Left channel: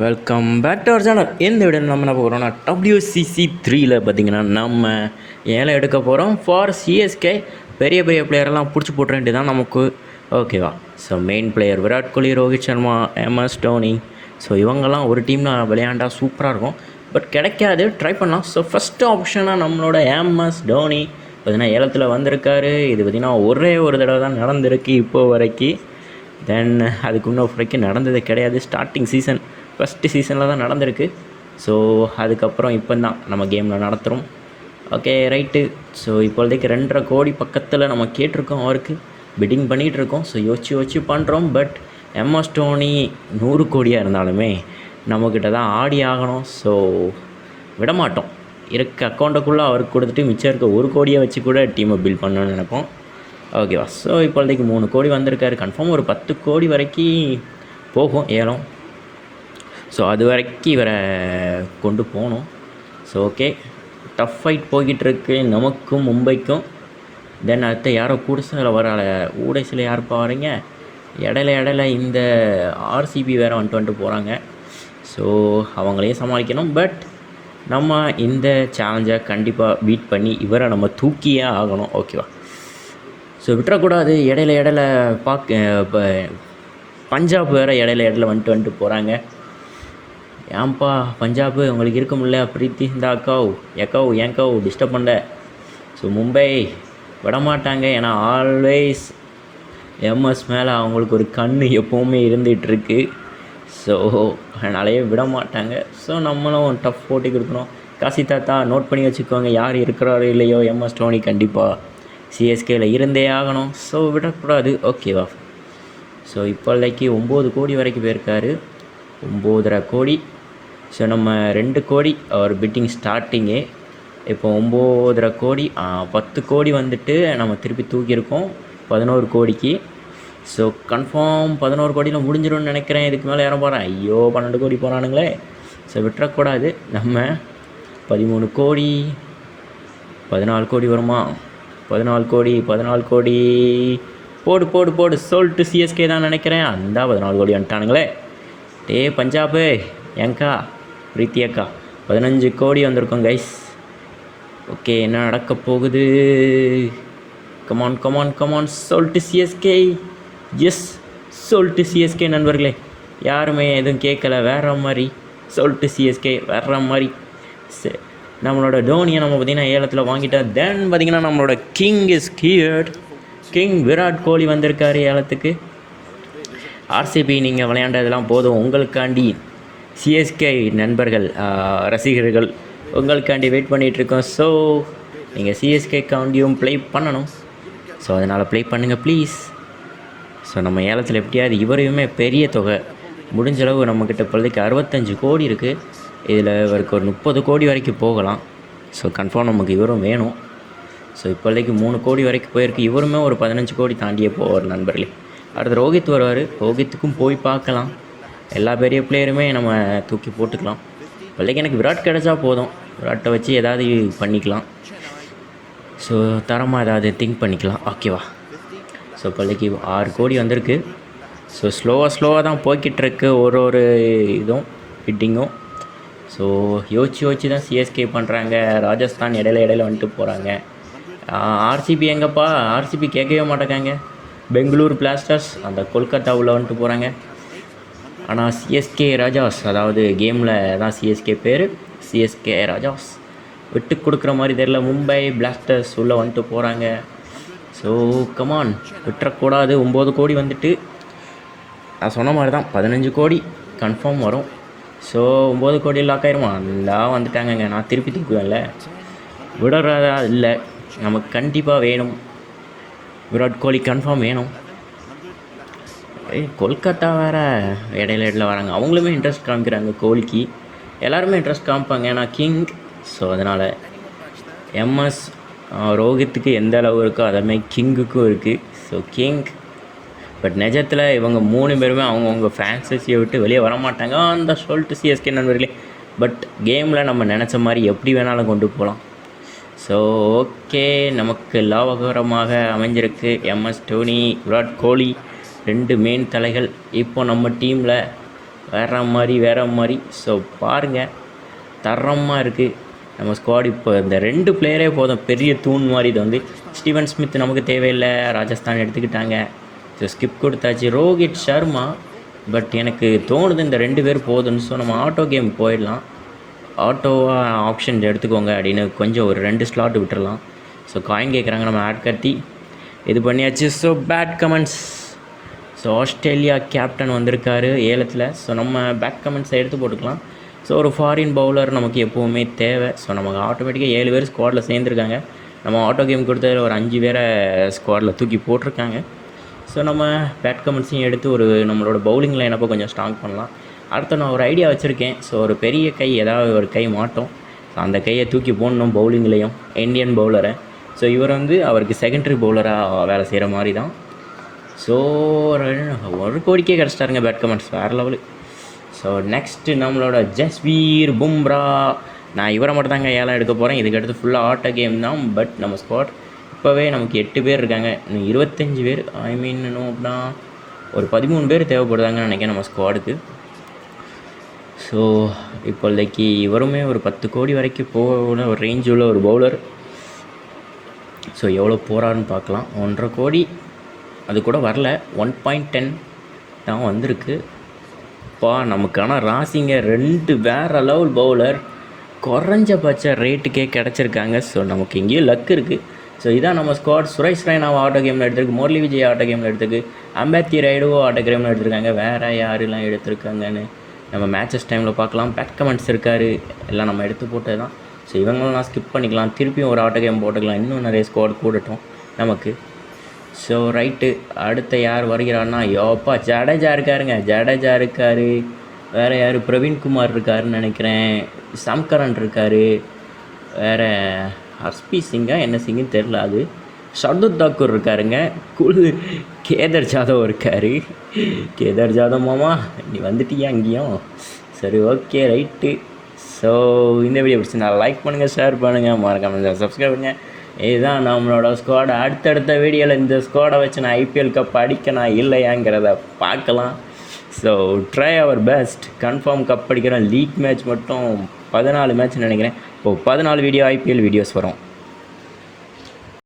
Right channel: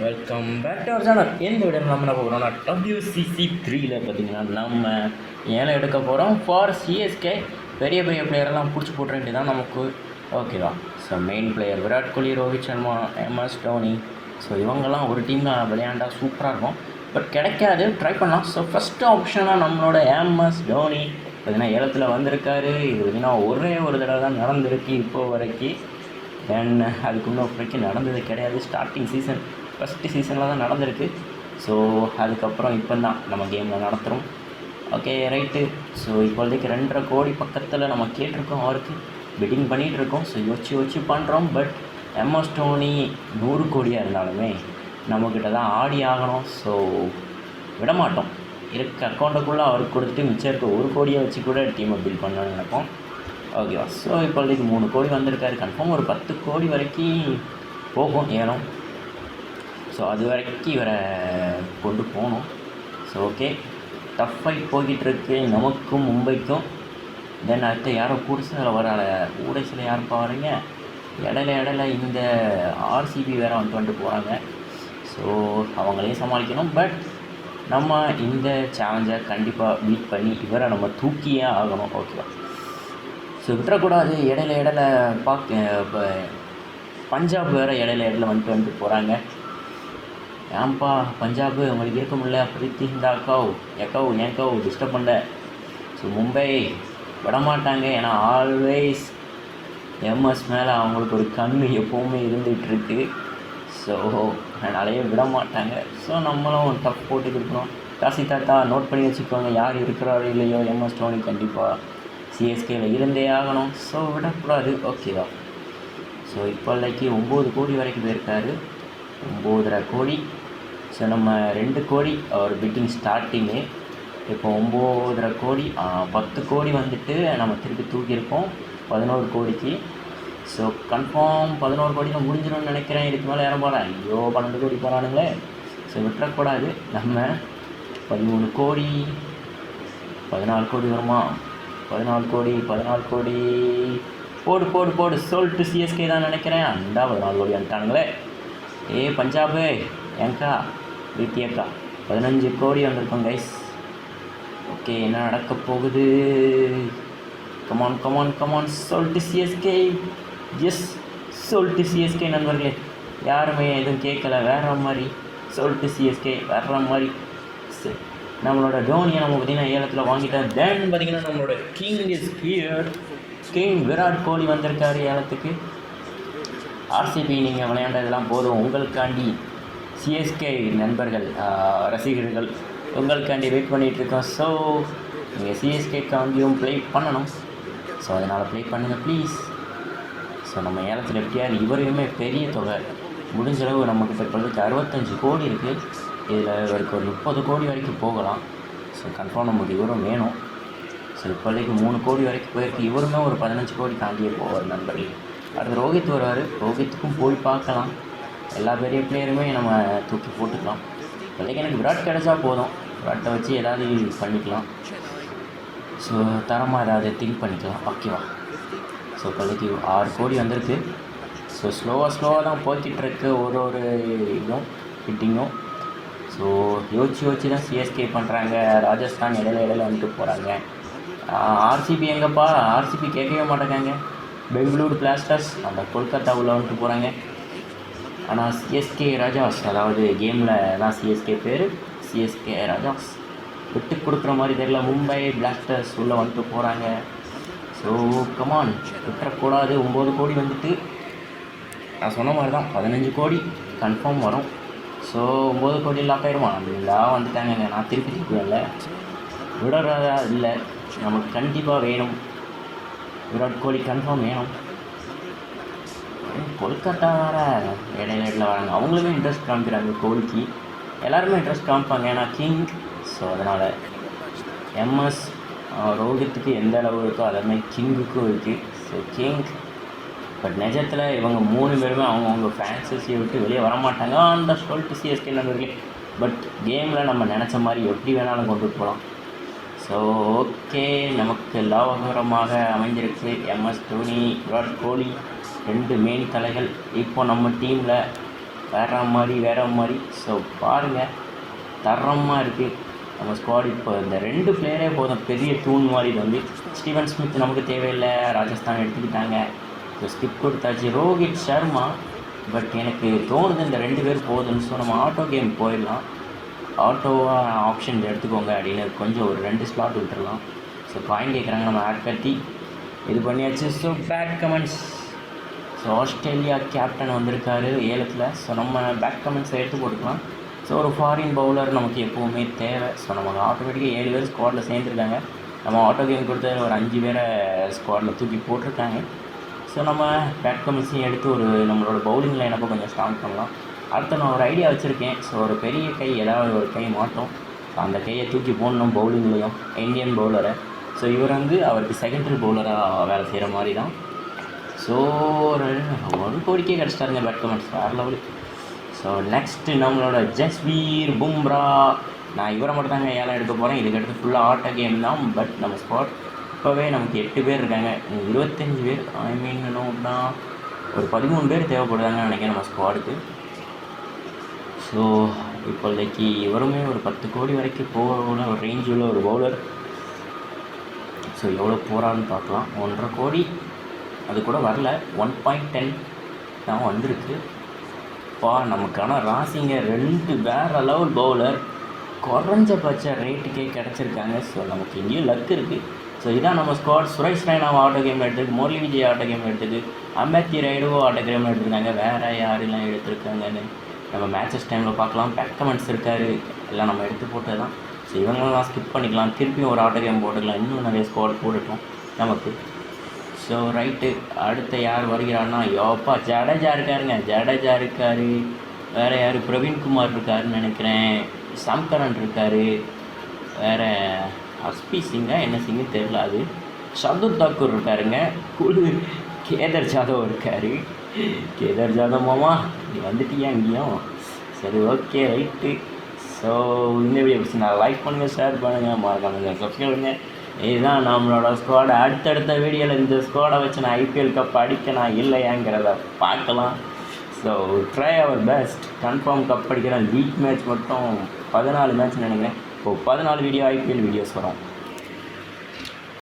Welcome back to our channel. எந்த video நம்ம என்ன போகிறோம்னா WCC 3ல் பார்த்தீங்கன்னா நம்ம ஏலம் எடுக்க போகிறோம் ஃபார் சிஎஸ்கே. பெரிய பெரிய பிளேயரெல்லாம் பிடிச்சி போட்டுற வேண்டியதான் நமக்கு, ஓகேவா? So main player Virat Kohli, Rohit Sharma, MS Dhoni. So இவங்கெல்லாம் ஒரு டீமில் விளையாண்டா சூப்பராக இருக்கும். பட் கிடைக்காது, ட்ரை பண்ணலாம். ஸோ ஃபஸ்ட்டு ஆப்ஷனாக நம்மளோட MS தோனி பார்த்திங்கன்னா ஏலத்தில் வந்திருக்காரு. இது பார்த்திங்கன்னா ஒரே ஒரு தடவை தான் நடந்திருக்கு இப்போது வரைக்கும். தென் அதுக்கு இன்னும் வரைக்கும் நடந்தது கிடையாது. ஸ்டார்டிங் சீசன் ஃபஸ்ட்டு சீசனில் தான் நடந்திருக்கு. ஸோ அதுக்கப்புறம் இப்போ தான் நம்ம கேமில் நடத்துகிறோம். Okay right. ஸோ இப்போதைக்கு 2.5 கோடி பக்கத்தில் நம்ம கேட்டிருக்கோம், அவருக்கு பிட்டிங் பண்ணிகிட்ருக்கோம். ஸோ யோசிச்சு பண்ணுறோம். பட் MS தோனி 100 கோடியாக இருந்தாலுமே நம்மக்கிட்ட தான் ஆடி ஆகணும். ஸோ விடமாட்டோம். இருக்க அக்கௌண்ட்டுக்குள்ளே அவருக்கு கொடுத்துட்டு மிச்சம் இருக்க 1 கோடியை வச்சு கூட டீமை பில்ட் பண்ணணும்னு நினைப்போம், ஓகேவா? ஸோ இப்போதைக்கு 3 கோடி வந்திருக்காரு. கன்ஃபார்ம் ஒரு 10 கோடி வரைக்கும் போகும் ஏலம். ஸோ அது வரைக்கும் இவரை கொண்டு போகணும். ஸோ ஓகே, டஃப் ஃபைட் போய்கிட்டுருக்கு நமக்கும் மும்பைக்கும். தென் அடுத்து யாரோ புதுசில் வர ஊடைசில் யாருப்பா வரீங்க? இடையில இந்த RCB வேறு வந்துட்டு போகிறாங்க. ஸோ அவங்களையும் சமாளிக்கணும். பட் நம்ம இந்த சேலஞ்சை கண்டிப்பாக பீட் பண்ணி இவரை நம்ம தூக்கியே ஆகணும், ஓகேவா? ஸோ விட்டுறக்கூடாது. இடையில இப்போ பஞ்சாப் வேறு இடையில வந்துட்டு போகிறாங்க. ஏன்பா பஞ்சாப் உங்களுக்கு இருக்க முடியல? பிரீத்தி இந்த எக்கோ டிஸ்டர்ப் பண்ண. ஸோ மும்பை விடமாட்டாங்க. ஏன்னா ஆல்வேஸ் MS மேலே அவங்களுக்கு ஒரு கண் எப்போவுமே இருந்துகிட்ருக்கு. ஸோ அதனாலேயே விட மாட்டாங்க. ஸோ நம்மளும் டஃப் போட்டி கொடுக்கணும். காசி தாத்தா நோட் பண்ணி வச்சுக்கோங்க, யார் இருக்கிறாரோ இல்லையோ MS தோனி கண்டிப்பாக சிஎஸ்கேயில் இருந்தே ஆகணும். ஸோ விடக்கூடாது, ஓகேவா? ஸோ இப்போதைக்கு 9 கோடி வரைக்கும் போயிருக்காரு. 9.5 கோடி. ஸோ நம்ம 2 கோடி அவர் பிட்டிங் ஸ்டார்டிங்கே. இப்போ 9.5 கோடி, 10 கோடி வந்துட்டு நம்ம திருப்பி தூக்கியிருக்கோம் 11 கோடிக்கு. ஸோ கன்ஃபார்ம் 11 கோடியில் முடிஞ்சிடும்னு நினைக்கிறேன். இதுக்கு மேலே யாரும் போகிறேன், ஐயோ 12 கோடி போகிறானுங்களே. ஸோ விட்டுறக்கூடாது. நம்ம 13 கோடி, 14 கோடி வருமா? 14 கோடி போடு சொல்லிட்டு சிஎஸ்கே தான் நினைக்கிறேன். அந்த 14 கோடி வந்துட்டானுங்களே. பஞ்சாபு ஏங்கா பிரீத்தி அக்கா 15 கோடி வந்திருக்கோம் கைஸ். ஓகே, என்ன நடக்க போகுது? கமான் சொல்லிட்டு சிஎஸ்கே. எஸ், சொல்லிட்டு சிஎஸ்கே நண்பர்களே. யாருமே எதுவும் கேட்கல, வேற மாதிரி சொல்லிட்டு சிஎஸ்கே வேற மாதிரி. சரி, நம்மளோட தோனியை நம்ம பார்த்திங்கன்னா ஏலத்தில் வாங்கிட்டோம். தென் பார்த்திங்கன்னா நம்மளோட king is here. King Virat Kohli வந்திருக்காரு ஏலத்துக்கு. RCB நீங்கள் விளையாண்டதெல்லாம் போதும். உங்களுக்காண்டி சிஎஸ்கே நண்பர்கள், ரசிகர்கள் உங்களுக்காண்டி வெயிட் பண்ணிகிட்ருக்கோம். ஸோ நீங்கள் சிஎஸ்கேக்காண்டியும் ப்ளே பண்ணணும். ஸோ அதனால் ப்ளே பண்ணுங்கள் ப்ளீஸ். ஸோ நம்ம ஏலத்தில் எப்படியாவது இவரையுமே பெரிய தொகை முடிஞ்சளவு நம்மக்கிட்ட இப்போதைக்கு 65 கோடி இருக்குது. இதில் இவருக்கு ஒரு 30 கோடி வரைக்கும் போகலாம். ஸோ கன்ஃபார்ம் நமக்கு இவரும் வேணும். ஸோ இப்போதைக்கு 3 கோடி வரைக்கும் போயிருக்கு. இவருமே ஒரு 15 கோடி தாண்டியே போவார் நண்பர்களே. அடுத்து ரோஹித் வருவார். ரோஹித்துக்கும் போய் பார்க்கலாம். எல்லா பெரிய பிளேயருமே நம்ம தூக்கி போட்டுக்கலாம். இப்போதைக்கு எனக்கு விராட் கிடச்சா போதும். விராட்டை வச்சு ஏதாவது பண்ணிக்கலாம். ஸோ தரமாக ஏதாவது திங்க் பண்ணிக்கலாம், ஓகேவா? ஸோ இப்போதைக்கு 6 கோடி வந்திருக்கு. ஸோ ஸ்லோவாக தான் போய்கிட்டுருக்கு ஒரு இதுவும் ஃபிட்டிங்கும். ஸோ யோசிச்சு தான் சிஎஸ்கே பண்ணுறாங்க. ராஜஸ்தான் இடையில வந்துட்டு போகிறாங்க. RCB எங்கப்பா? RCB கேட்கவே மாட்டேங்காங்க. பெங்களூர் பிளாஸ்டர்ஸ் அந்த கொல்கத்தாவில் வந்துட்டு போகிறாங்க. ஆனால் சிஎஸ்கே ராஜாஸ், அதாவது கேமில் தான் சிஎஸ்கே பேர், சிஎஸ்கே ராஜாஸ் விட்டு கொடுக்குற மாதிரி தெரியல. மும்பை பிளாஸ்டர்ஸ் உள்ளே வந்துட்டு போகிறாங்க. ஸோ கமான், விட்டுறக்கூடாது. 9 கோடி வந்துட்டு நான் சொன்ன மாதிரி தான் 15 கோடி கன்ஃபார்ம் வரும். ஸோ 9 கோடி லாக் ஆயிருமா? எல்லாம் வந்துட்டாங்கங்க. நான் திருப்பி தூக்குவேன்ல, விடுறதா இல்லை. நமக்கு கண்டிப்பாக வேணும். விராட் கோலி கன்ஃபார்ம் வேணும். கொல்கத்தா வேறு இடையில வராங்க. அவங்களுமே இன்ட்ரெஸ்ட் காமிக்கிறாங்க கோலிக்கு. எல்லாருமே இன்ட்ரெஸ்ட் காமிப்பாங்க, ஏன்னா கிங். ஸோ அதனால் MS ரோஹித்துக்கு எந்த அளவு இருக்கோ அதேமாதிரி கிங்குக்கும் இருக்குது. So king. பட் நிஜத்தில் இவங்க 3 பேருமே அவங்கவுங்க ஃப்ரான்ச்சைஸியை விட்டு வெளியே வரமாட்டாங்க. அந்த சொல்லிட்டு சிஎஸ்கே நண்பர்களே. பட் கேமில் நம்ம நினச்ச மாதிரி எப்படி வேணாலும் கொண்டு போகலாம். ஸோ ஓகே, நமக்கு லாபகரமாக அமைஞ்சிருக்கு. MS தோனி, விராட் கோலி 2 மெயின் தலைகள் இப்போ நம்ம டீமில். வேறு மாதிரி. ஸோ பாருங்கள், தரமாக இருக்குது நம்ம ஸ்குவாட். இப்போ இந்த 2 பிளேயரே போதும், பெரிய தூண் மாதிரி. இது வந்து ஸ்டீவன் ஸ்மித் நமக்கு தேவையில்லை, ராஜஸ்தான் எடுத்துக்கிட்டாங்க. ஸோ ஸ்கிப் கொடுத்தாச்சு. ரோஹித் சர்மா, பட் எனக்கு தோணுது இந்த 2 பேர் போதுன்னு. ஸோ நம்ம ஆட்டோ கேம் போயிடலாம். ஆட்டோவாக ஆப்ஷன் எடுத்துக்கோங்க அப்படின்னு கொஞ்சம் ஒரு 2 ஸ்லாட் விட்டுறலாம். ஸோ காயின் கேட்குறாங்க, நம்ம ஆட் கட்டி இது பண்ணியாச்சு. So bad comments. So Australia captain வந்திருக்காரு ஏலத்தில். ஸோ நம்ம பேட் கமெண்ட்ஸை எடுத்து போட்டுக்கலாம். ஸோ ஒரு ஃபாரின் பவுலர் நமக்கு எப்போவுமே தேவை. ஸோ நமக்கு ஆட்டோமேட்டிக்காக 7 பேர் ஸ்குவாடில் சேர்ந்துருக்காங்க. நம்ம ஆட்டோ கேம் கொடுத்ததில் ஒரு 5 பேரை ஸ்குவாடில் தூக்கி போட்டிருக்காங்க. ஸோ நம்ம பேட் கமெண்ட்ஸையும் எடுத்து ஒரு நம்மளோட பவுலிங் லைனப்போ கொஞ்சம் ஸ்ட்ராங் பண்ணலாம். அடுத்து நான் ஒரு ஐடியா வச்சுருக்கேன். ஸோ ஒரு பெரிய கை, ஏதாவது ஒரு கை மாட்டோம். ஸோ அந்த கையை தூக்கி போடணும் பவுலிங்லேயும், இந்தியன் பவுலரை. ஸோ இவர் வந்து அவருக்கு செகண்டரி பவுலராக வேலை செய்கிற மாதிரி தான். ஸோ ஒரு கோடிக்கே கிடச்சிட்டாருங்க பேட் கமெண்ட்ஸ், வேறு லெவலு. ஸோ நெக்ஸ்ட்டு நம்மளோட ஜஸ்வீர் பும்ரா. நான் இவரை மட்டும் தாங்க ஏலம் எடுக்க போகிறேன். இதுக்கடுத்து ஃபுல்லாக ஆட்டோ கேம் தான். பட் நம்ம ஸ்குவாட் இப்போவே நமக்கு 8 பேர் இருக்காங்க. இன்னும் 25 பேர், ஐ மீன் இன்னும்னா ஒரு 13 பேர் தேவைப்படுதாங்கன்னு நினைக்கிறேன் நம்ம ஸ்குவாடுக்கு. ஸோ இப்போதைக்கு இவருமே ஒரு 10 கோடி வரைக்கும் போகிற ஒரு ரேஞ்ச் உள்ள ஒரு பவுலர். ஸோ எவ்வளோ போகிறான்னு பார்க்கலாம். 1.5 கோடி அது கூட வரல, 1.10 தான் வந்திருக்கு. நமக்கான ராசிங்க 2 வேறு லெவல் பவுலர் குறைஞ்சபட்ச ரேட்டுக்கே கிடச்சிருக்காங்க. ஸோ நமக்கு இங்கேயும் லக் இருக்குது. ஸோ இதான் நம்ம ஸ்குவாட். சுரேஷ் ரெய்னாவை ஆட்டோ கேமில் எடுத்துருக்கு, முரளி விஜய் ஆட்டோ கேமில் எடுத்துருக்கு, அம்பேத்தி ரைடுவோ ஆட்டோ கேமில் எடுத்துருக்காங்க. வேறு யாரெல்லாம் எடுத்துருக்காங்கன்னு நம்ம மேட்சஸ் டைமில் பார்க்கலாம். பேக் கமெண்ட்ஸ் இருக்கார், எல்லாம் நம்ம எடுத்து போட்டது தான். ஸோ இவங்களெலாம் ஸ்கிப் பண்ணிக்கலாம், திருப்பியும் ஒரு ஆட்டோ கேம் போட்டுக்கலாம். இன்னும் நிறைய ஸ்குவாட் போடட்டும் நமக்கு. ஸோ ரைட்டு, அடுத்த யார் வருகிறான்னா, யோப்பா ஜடேஜா இருக்காருங்க, ஜடேஜா இருக்கார். வேறு யார், பிரவீன்குமார் இருக்காருன்னு நினைக்கிறேன், சம்கரன் இருக்கார், வேறு ஹர்ஸ்பி சிங்கா என்ன சிங்குன்னு தெரில, அது ஷர்துல் தாக்கூர் இருக்காருங்க, கேதர் ஜாதவ் இருக்கார். கேதர் ஜாதவ் மாமா நீ வந்துட்டியா அங்கேயும்? சரி, ஓகே, ரைட்டு. ஸோ இந்த வீடியோ பிடிச்சி நான் லைக் பண்ணுங்கள், ஷேர் பண்ணுங்கள், மறக்காமல் சப்ஸ்கிரைப் பண்ணுங்கள். இதுதான் நம்மளோட ஸ்குவாட். அடுத்தடுத்த வீடியோவில் இந்த ஸ்குவாடை வச்சு நான் ஐபிஎல் கப் அடிக்கணும் இல்லையாங்கிறத பார்க்கலாம். So try our best. Confirm cup அடிக்கிறேன். லீக் மேட்ச் மட்டும் 14 மேட்ச் நினைக்கிறேன். இப்போது 14 வீடியோ ஐபிஎல் வீடியோஸ் வரும்.